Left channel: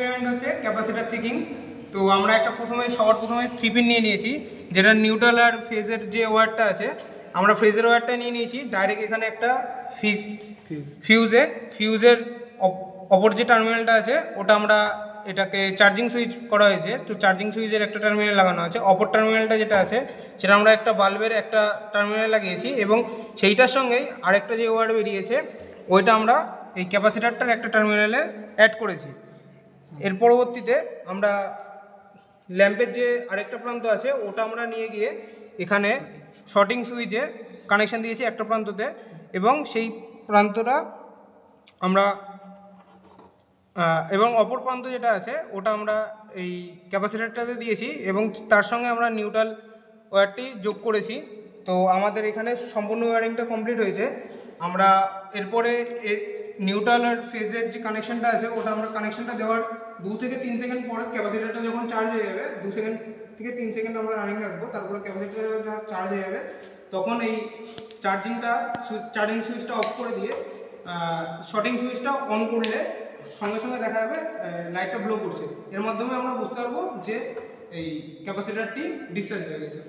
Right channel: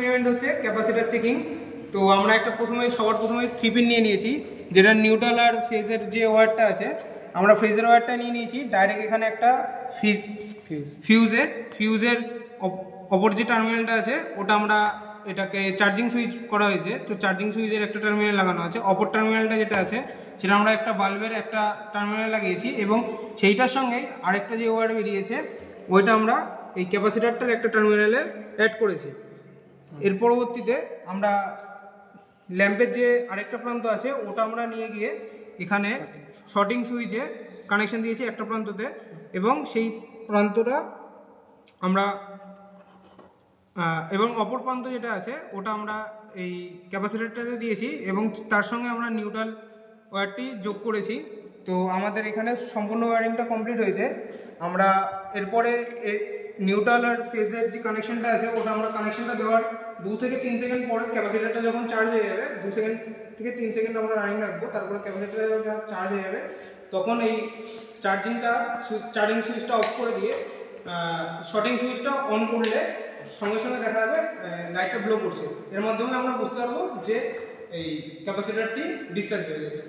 Experiment হচ্ছে capacitor checking. তো আমরা একটা সবার প্রথমে 3 পিন নিয়ে নিয়েছি, যেটা নিউট্রাল আর ফেজের যে ওয়্যারটা আছে আমরা ফেজের ওয়্যারটা নিয়ে নিয়েছি। ডাইরেক্ট এখানে একটা ফিউজের অপর যে টার্মিনালটা আছে ওটা আমরা এটাকে চার্জিং সুইচ করা হয়েছে, তো চার্জিং সুইচের একটা টার্মিনাল লাগানো আছে। অপর টার্মিনালটা যেটা আছে সেটা আমরা একটা বাল্বের একটা টার্মিনাল লাগিয়েছি, এবং সেইটার সঙ্গে আরেকটা যে ওয়্যার বেরিয়েছে ওইটা আমরা এই ক্যাপাসিটারটার একটা টার্মিনালে অ্যাড করেছি। এর পরবর্তীতে আমরা ল্যাম্পের যে আরেকটা প্রান্ত আছে ওটা আমরা নিয়ে গিয়ে এখানে শর্টিং সুইচে কানেকশান দিয়েছি একটা প্রান্ততে, এবং সেই প্রান্তটা আমরা এবং অপর প্রান্ত যেটা আছে ওটা আমরা এই ক্যাপাসিটারটাতে দিয়েছি, এবং তার সঙ্গে আমরা নিউট্রাল ওয়্যারটি যোগ করেছি। তো আমাদের এখানে সম্পূর্ণ ওয়্যারিংটা কমপ্লিট হয়েছে। আমরা এরপরে নিউট্রাল আর ফেজের যে কানেকশানটা আছে ওটা আমরা কানেকশানটা দেওয়ার 2 থেকে 3 সেকেন্ড পরে ক্যাপাসিটারটা যখন চার্জ হয়ে যাবে, 2 সেকেন্ড থেকে 3 সেকেন্ড আমরা রানিং রাখবো, তারপরে ক্যাপাসিটারটা যখন চার্জ হয়ে যাবে তখন এই চার্জিং সুইচটা অফ করে দিয়ে শর্টিং সুইচটা অন করলে সঙ্গে সঙ্গে দেখা যাবে লাইটটা ব্লো করছে। এর মাধ্যমে আমরা বুঝতে পারবো যে এই ক্যাপাসিটারটি ডিসচার্জ হয়ে গেছে।